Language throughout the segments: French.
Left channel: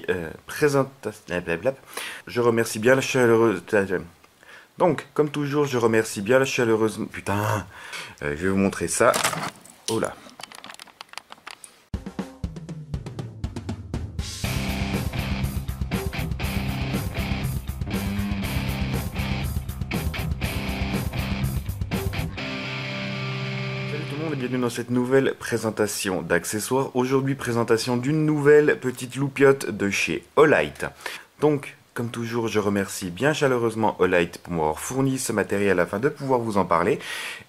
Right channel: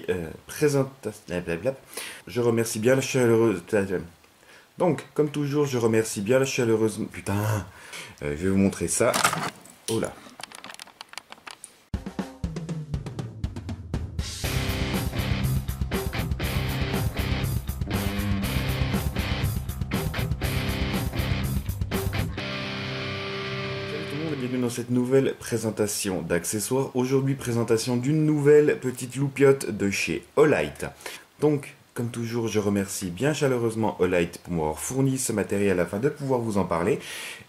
petite présentation. Je remercie bien la chaleureuse. Donc, comme toujours, je remercie bien la chaleureuse. Putain, je vais vous montrer ça. Oh là. Salut tout le monde et bienvenue dans cette nouvelle présentation d'accessoires. Aujourd'hui, présentation d'une nouvelle petite loupiote de chez Olight. Donc, comme toujours, je remercie bien chaleureusement Olight pour m'avoir fourni ce matériel afin de pouvoir vous en parler.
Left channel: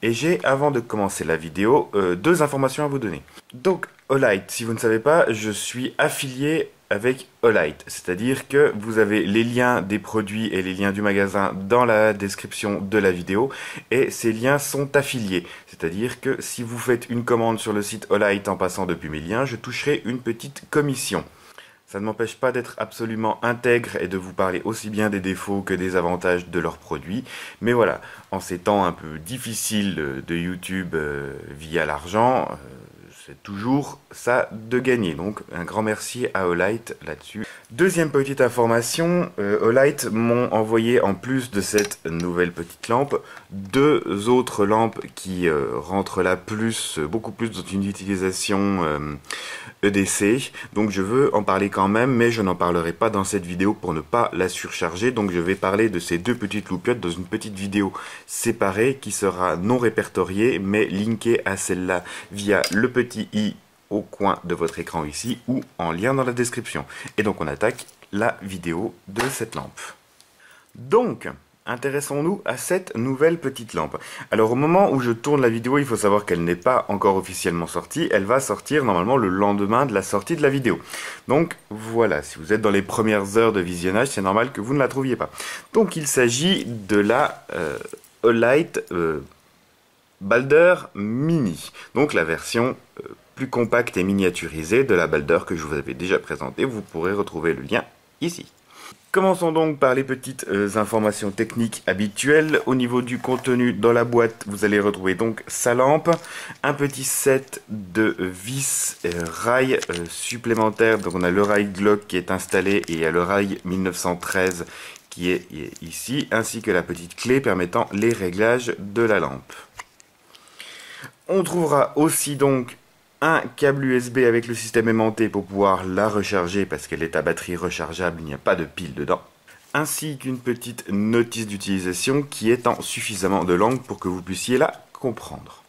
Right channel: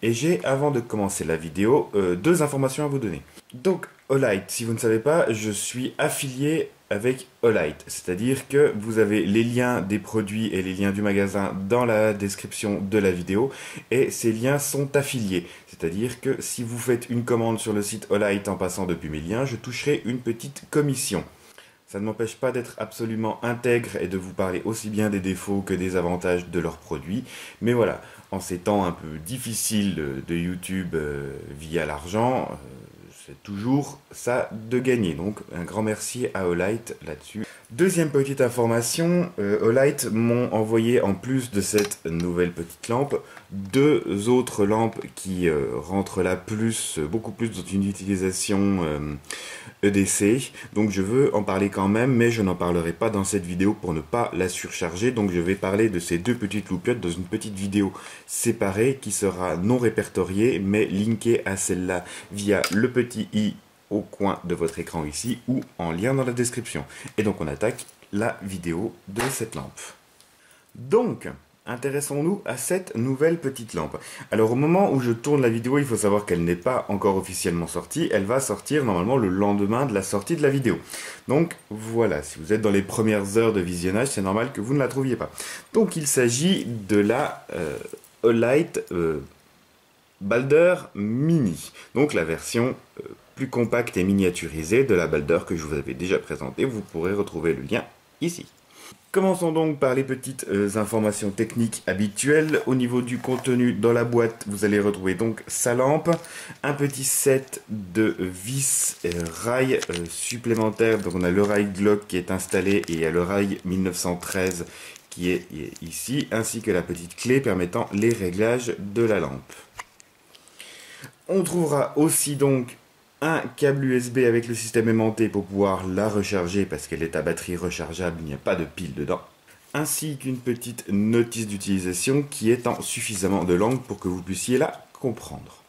Et j'ai, avant de commencer la vidéo, deux informations à vous donner. Donc, Olight, si vous ne savez pas, je suis affilié avec Olight, c'est-à-dire que vous avez les liens des produits et les liens du magasin dans la description de la vidéo et ces liens sont affiliés, c'est-à-dire que si vous faites une commande sur le site Olight en passant depuis mes liens, je toucherai une petite commission. Ça ne m'empêche pas d'être absolument intègre et de vous parler aussi bien des défauts que des avantages de leurs produits. Mais voilà, en ces temps un peu difficiles de YouTube via l'argent, c'est toujours ça de gagner. Donc un grand merci à Olight là-dessus. Deuxième petite information, Olight m'ont envoyé en plus de cette nouvelle petite lampe, deux autres lampes qui rentrent là beaucoup plus dans une utilisation EDC. Donc je veux en parler quand même, mais je n'en parlerai pas dans cette vidéo pour ne pas la surcharger. Donc je vais parler de ces deux petites loupiottes dans une petite vidéo séparée qui sera non répertoriée, mais linkée à celle-là via le petit i au coin de votre écran ici ou en lien dans la description. Et donc on attaque la vidéo de cette lampe. Donc, intéressons-nous à cette nouvelle petite lampe. Alors au moment où je tourne la vidéo, il faut savoir qu'elle n'est pas encore officiellement sortie. Elle va sortir normalement le lendemain de la sortie de la vidéo. Donc voilà, si vous êtes dans les premières heures de visionnage, c'est normal que vous ne la trouviez pas. Donc il s'agit de la Olight Balder Mini. Donc la version plus compacte et miniaturisée de la Balder que je vous avais déjà présentée. Vous pourrez retrouver le lien ici. Commençons donc par les petites informations techniques habituelles. Au niveau du contenu, dans la boîte, vous allez retrouver donc sa lampe, un petit set de vis rails supplémentaires. Donc on a le rail Glock qui est installé et il y a le rail 1913 qui est ici, ainsi que la petite clé permettant les réglages de la lampe. On trouvera aussi donc un câble USB avec le système aimanté pour pouvoir la recharger parce qu'elle est à batterie rechargeable, il n'y a pas de pile dedans. Ainsi qu'une petite notice d'utilisation qui est en suffisamment de langue pour que vous puissiez la comprendre.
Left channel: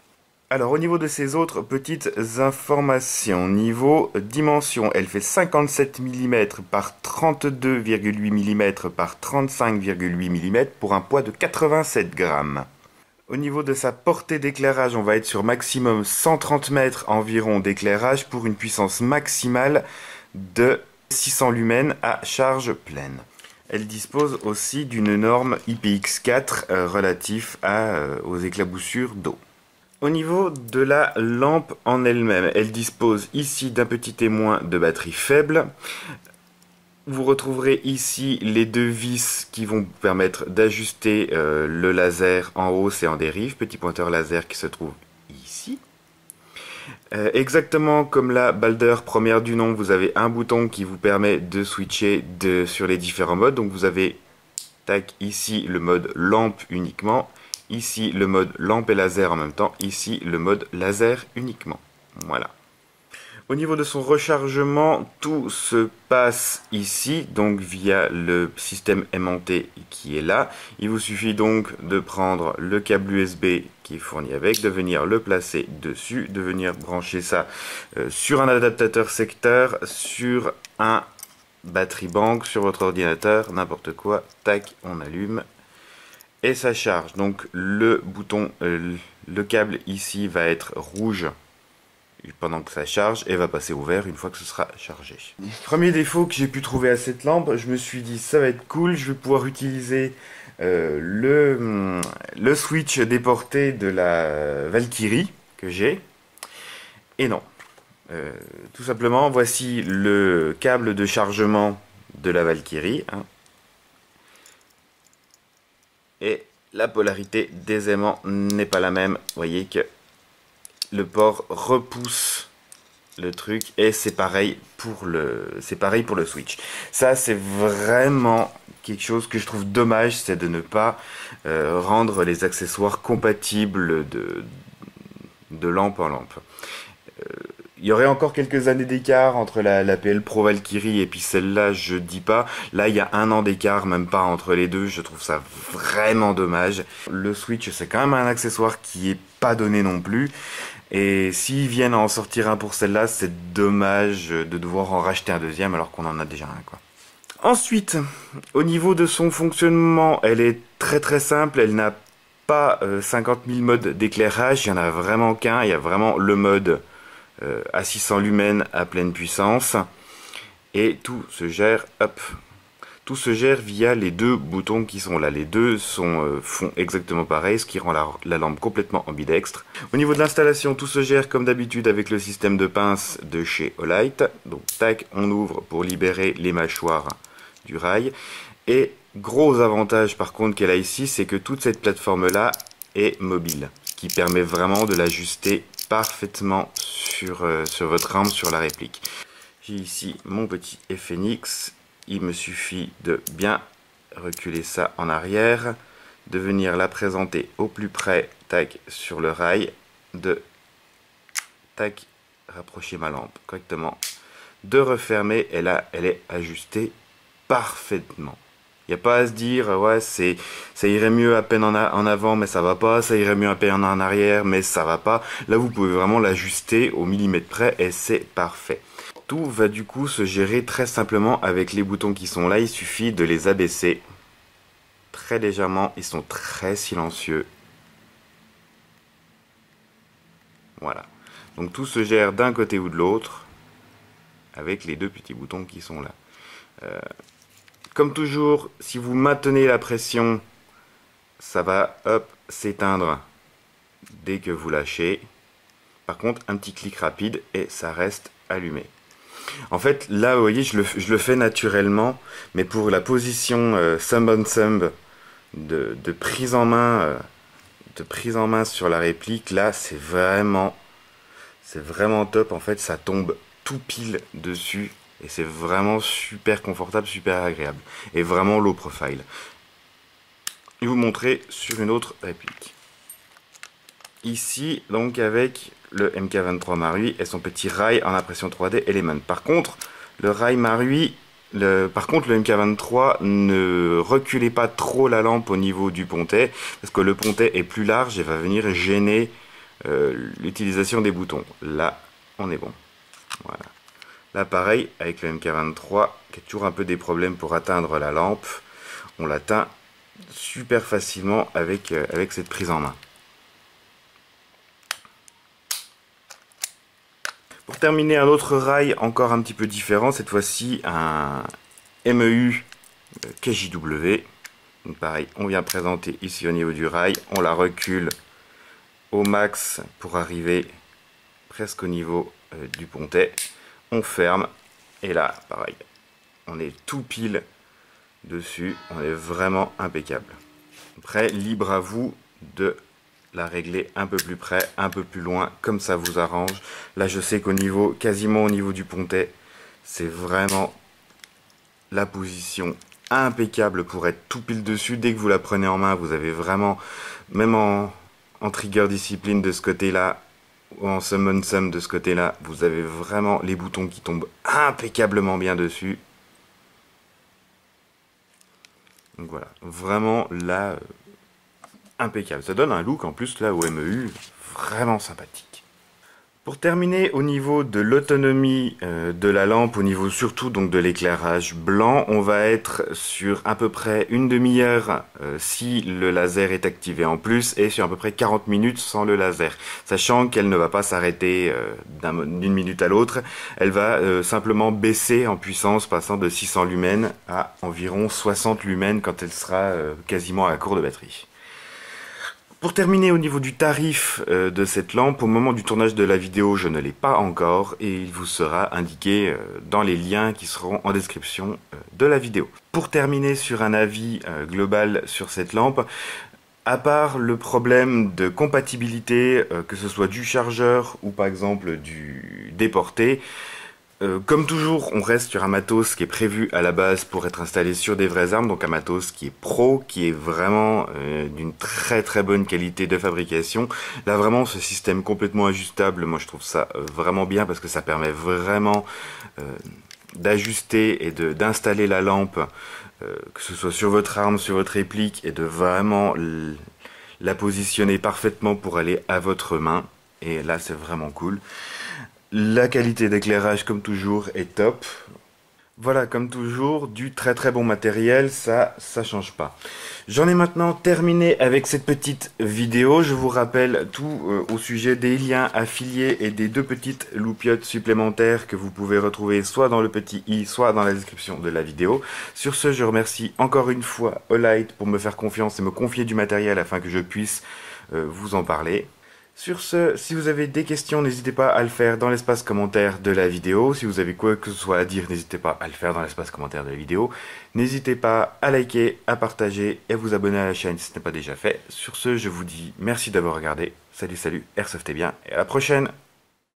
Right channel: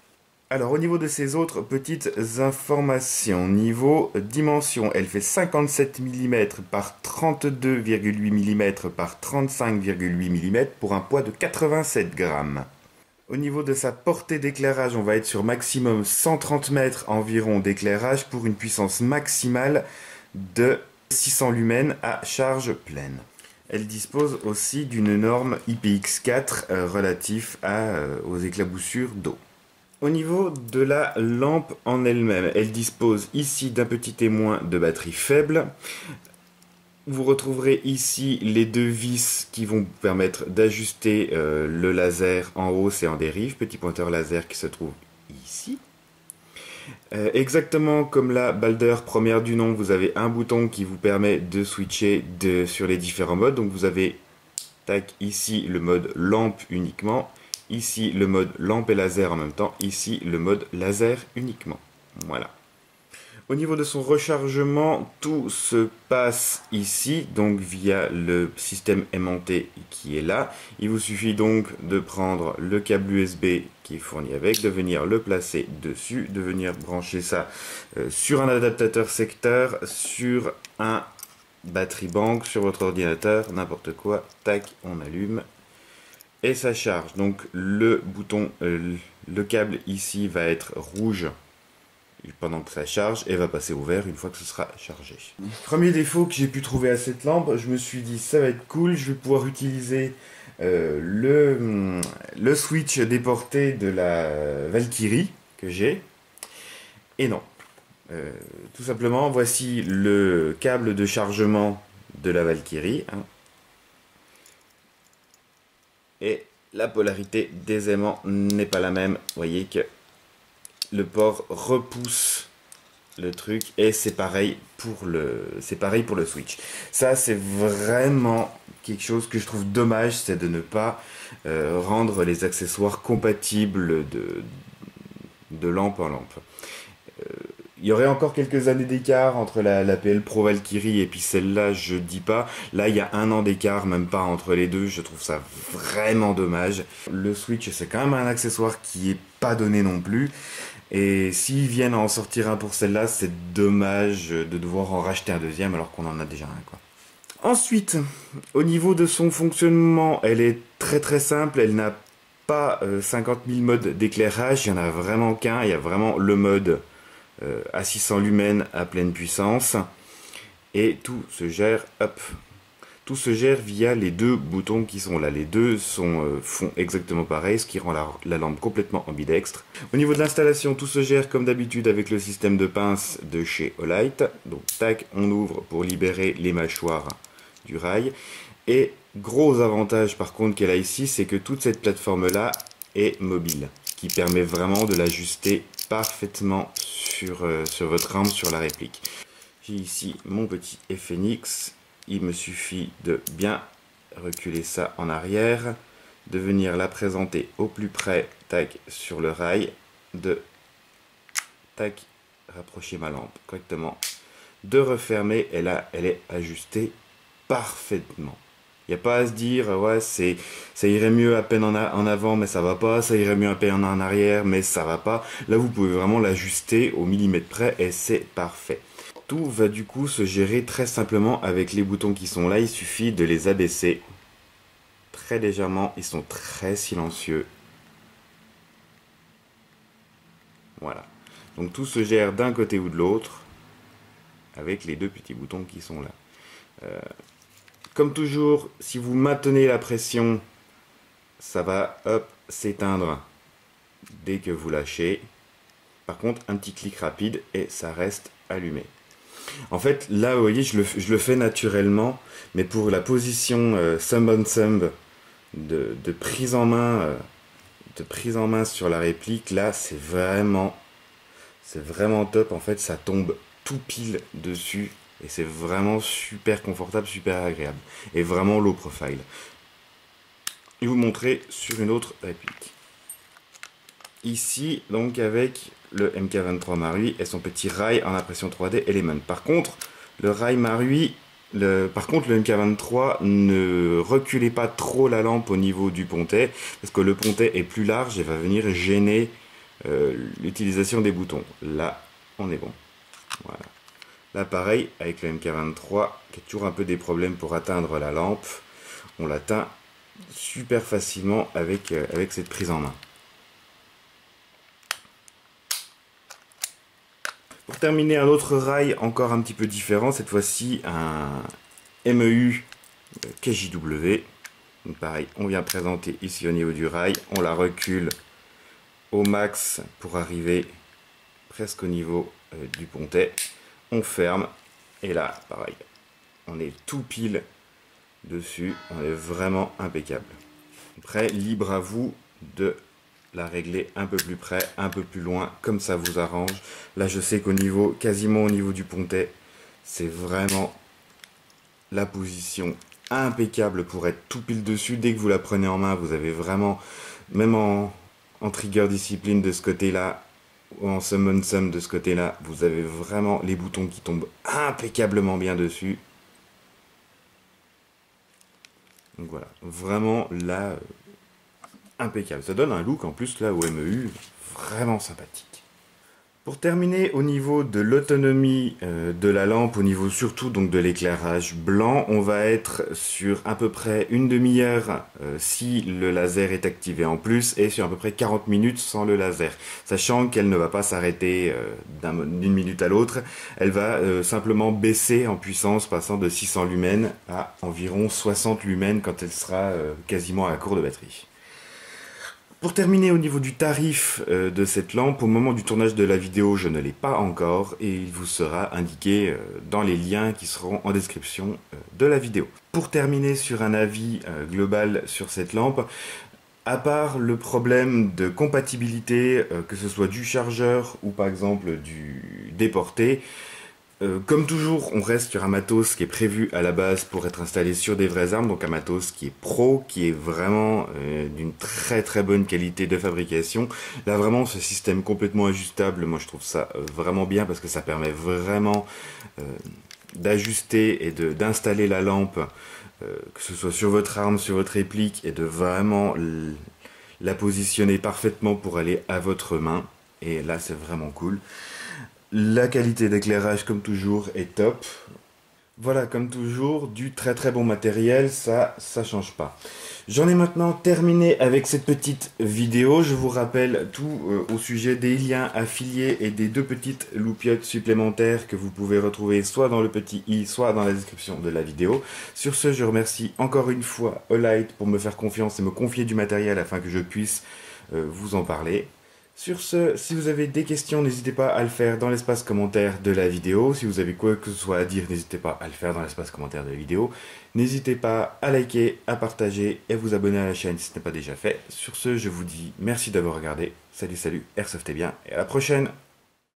Alors au niveau de ces autres petites informations, niveau dimension, elle fait 57 mm par 32,8 mm par 35,8 mm pour un poids de 87 grammes. Au niveau de sa portée d'éclairage, on va être sur maximum 130 mètres environ d'éclairage pour une puissance maximale de 600 lumens à charge pleine. Elle dispose aussi d'une norme IPX4 relatif aux éclaboussures d'eau. Au niveau de la lampe en elle-même, elle dispose ici d'un petit témoin de batterie faible. Vous retrouverez ici les deux vis qui vont vous permettre d'ajuster le laser en hausse et en dérive, petit pointeur laser qui se trouve ici. Exactement comme la Balder première du nom, vous avez un bouton qui vous permet de switcher sur les différents modes. Donc vous avez ici le mode lampe uniquement, ici le mode lampe et laser en même temps, ici le mode laser uniquement. Voilà. Au niveau de son rechargement, tout se passe ici, donc via le système aimanté qui est là. Il vous suffit donc de prendre le câble USB qui est fourni avec, de venir le placer dessus, de venir brancher ça sur un adaptateur secteur, sur un batterie bank, sur votre ordinateur, n'importe quoi. Tac, on allume et ça charge. Donc le bouton, le câble ici va être rouge pendant que ça charge et va passer au vert une fois que ce sera chargé. Premier défaut que j'ai pu trouver à cette lampe, je me suis dit ça va être cool, je vais pouvoir utiliser le switch déporté de la Valkyrie que j'ai. Et non. Tout simplement, voici le câble de chargement de la Valkyrie. Hein. Et la polarité des aimants n'est pas la même. Vous voyez que le port repousse le truc, et c'est pareil pour le Switch. Ça, c'est vraiment quelque chose que je trouve dommage, c'est de ne pas rendre les accessoires compatibles de lampe en lampe. Il y aurait encore quelques années d'écart entre la PL Pro Valkyrie et puis celle-là, je dis pas. Là, il y a 1 an d'écart, même pas entre les deux. Je trouve ça vraiment dommage. Le Switch, c'est quand même un accessoire qui est pas donné non plus. Et s'ils viennent à en sortir un pour celle-là, c'est dommage de devoir en racheter un deuxième alors qu'on en a déjà un, quoi. Ensuite, au niveau de son fonctionnement, elle est très très simple. Elle n'a pas 50 000 modes d'éclairage. Il y en a vraiment qu'un. Il y a vraiment le mode à 600 lumens à pleine puissance. Et tout se gère, hop, tout se gère via les 2 boutons qui sont là. Les deux font exactement pareil, ce qui rend la lampe complètement ambidextre. Au niveau de l'installation, tout se gère comme d'habitude avec le système de pince de chez Olight. Donc tac, on ouvre pour libérer les mâchoires du rail. Et gros avantage par contre qu'elle a ici, c'est que toute cette plateforme-là est mobile, ce qui permet vraiment de l'ajuster parfaitement sur votre arme, sur la réplique. J'ai ici mon petit FNX. Il me suffit de bien reculer ça en arrière, de venir la présenter au plus près, tac, sur le rail, de tac, rapprocher ma lampe correctement, de refermer, et là, elle est ajustée parfaitement. Il n'y a pas à se dire, ouais, ça irait mieux à peine en avant, mais ça va pas, ça irait mieux à peine en arrière, mais ça va pas. Là, vous pouvez vraiment l'ajuster au millimètre près, et c'est parfait. Tout va du coup se gérer très simplement avec les boutons qui sont là. Il suffit de les abaisser très légèrement. Ils sont très silencieux. Voilà. Donc tout se gère d'un côté ou de l'autre avec les 2 petits boutons qui sont là. Comme toujours, si vous maintenez la pression, ça va hop s'éteindre dès que vous lâchez. Par contre, un petit clic rapide et ça reste allumé. En fait, là, vous voyez, je le fais naturellement, mais pour la position thumb on thumb de prise en main, sur la réplique, là, c'est vraiment top. En fait, ça tombe tout pile dessus et c'est vraiment super confortable, super agréable. Et vraiment low profile. Je vais vous montrer sur une autre réplique. Ici, donc, avec le MK23 Marui et son petit rail en impression 3D Element. Par contre, le rail Marui, le MK23, ne reculez pas trop la lampe au niveau du pontet, parce que le pontet est plus large et va venir gêner l'utilisation des boutons. Là, on est bon. Voilà. Là, pareil, avec le MK23, qui a toujours un peu des problèmes pour atteindre la lampe, on l'atteint super facilement avec cette prise en main. Pour terminer, un autre rail encore un petit peu différent, cette fois-ci un MEU KJW. Donc pareil, on vient présenter ici au niveau du rail, on la recule au max pour arriver presque au niveau du pontet. On ferme et là, pareil, on est tout pile dessus, on est vraiment impeccable. Après, libre à vous de la régler un peu plus près, un peu plus loin, comme ça vous arrange. Là, je sais qu'au niveau, quasiment au niveau du pontet, c'est vraiment la position impeccable pour être tout pile dessus. Dès que vous la prenez en main, vous avez vraiment, même en trigger discipline de ce côté-là, ou en summon sum de ce côté-là, vous avez vraiment les boutons qui tombent impeccablement bien dessus. Donc voilà, vraiment là, impeccable. Ça donne un look en plus là au MEU vraiment sympathique. Pour terminer, au niveau de l'autonomie de la lampe, au niveau surtout donc de l'éclairage blanc, on va être sur à peu près une demi-heure si le laser est activé en plus, et sur à peu près 40 minutes sans le laser. Sachant qu'elle ne va pas s'arrêter d'une minute à l'autre, elle va simplement baisser en puissance, passant de 600 lumens à environ 60 lumens quand elle sera quasiment à court de batterie. Pour terminer, au niveau du tarif de cette lampe, au moment du tournage de la vidéo, je ne l'ai pas encore et il vous sera indiqué dans les liens qui seront en description de la vidéo. Pour terminer sur un avis global sur cette lampe, à part le problème de compatibilité, que ce soit du chargeur ou par exemple du déporter. Comme toujours, on reste sur un matos qui est prévu à la base pour être installé sur des vraies armes, donc un matos qui est pro, qui est vraiment d'une très très bonne qualité de fabrication. Là vraiment, ce système complètement ajustable, moi je trouve ça vraiment bien parce que ça permet vraiment d'ajuster et d'installer la lampe, que ce soit sur votre arme, sur votre réplique, et de vraiment la positionner parfaitement pour aller à votre main. Et là, c'est vraiment cool. La qualité d'éclairage, comme toujours, est top. Voilà, comme toujours, du très très bon matériel, ça change pas. J'en ai maintenant terminé avec cette petite vidéo. Je vous rappelle tout au sujet des liens affiliés et des 2 petites loupiottes supplémentaires que vous pouvez retrouver soit dans le petit i, soit dans la description de la vidéo. Sur ce, je remercie encore une fois Olight pour me faire confiance et me confier du matériel afin que je puisse vous en parler. Sur ce, si vous avez des questions, n'hésitez pas à le faire dans l'espace commentaire de la vidéo. Si vous avez quoi que ce soit à dire, n'hésitez pas à le faire dans l'espace commentaire de la vidéo. N'hésitez pas à liker, à partager et à vous abonner à la chaîne si ce n'est pas déjà fait. Sur ce, je vous dis merci d'avoir regardé. Salut, salut, Airsoft est bien et à la prochaine!